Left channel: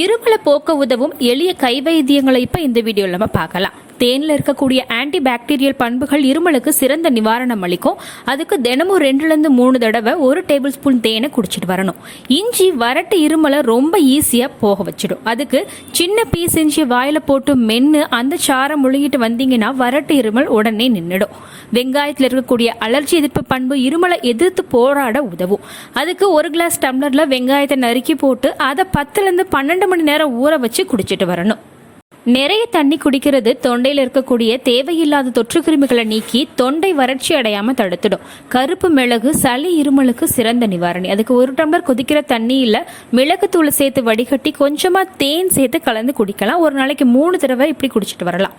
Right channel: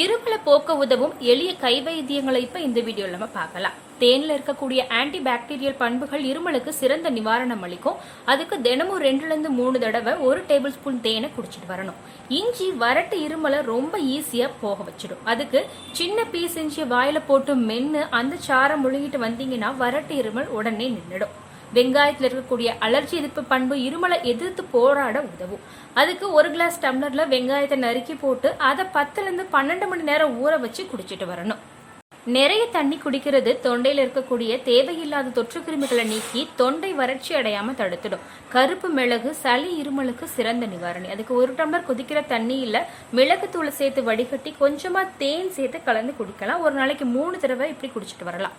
இருமலை போக்க உதவும் எளிய கை வைத்தியங்களை இப்போ இந்த வீடியோவில் நம்ம பார்க்கலாம். தேனில் இருக்கக்கூடிய ஆன்டி பாக்டீரியல் பண்புகள் இருமலுக்கு சிறந்த நிவாரணம் அளிக்கும். அதுக்கு தினமும் 2-3 தடவை 1 டேபிள் ஸ்பூன் தேனை குடிச்சிட்டு வரணும். இஞ்சி வறட்டு இருமலை ரொம்ப ஈஸியாக போக வச்சிடும். அதுக்கு சின்ன பீஸ் இஞ்சி வாயில போட்டு மென்று அந்த சாரம் முழுகிட்டு வந்தீங்கன்னா வறட்டு இருமல் உடனே நின்றுடும். வெங்காயத்தில் இருக்கக்கூடிய அலர்ஜி எதிர்ப்பு பண்பு இருமலை எதிர்த்து போராட உதவும். அதுக்கு 1 கிளாஸ் டம்ளர்ல வெங்காயத்தை நறுக்கி போட்டு அதை 10-12 மணி நேரம் ஊற வச்சு குடிச்சிட்டு வரணும். நிறைய தண்ணி குடிக்கிறது தொண்டையில் இருக்கக்கூடிய தேவையில்லாத தொற்று கிருமிகளை நீக்கி தொண்டை வறட்சி அடையாம தடுத்துடும். கருப்பு மிளகு சளி இருமலுக்கு சிறந்த நிவாரணி. அதுக்கு 1 டம்ளர் கொதிக்கிற தண்ணியில மிளகு தூளை சேர்த்து வடிகட்டி கொஞ்சமா தேன் சேர்த்து கலந்து குடிக்கலாம். ஒரு நாளைக்கு 3 தடவை இப்படி குடிச்சிட்டு வரலாம்.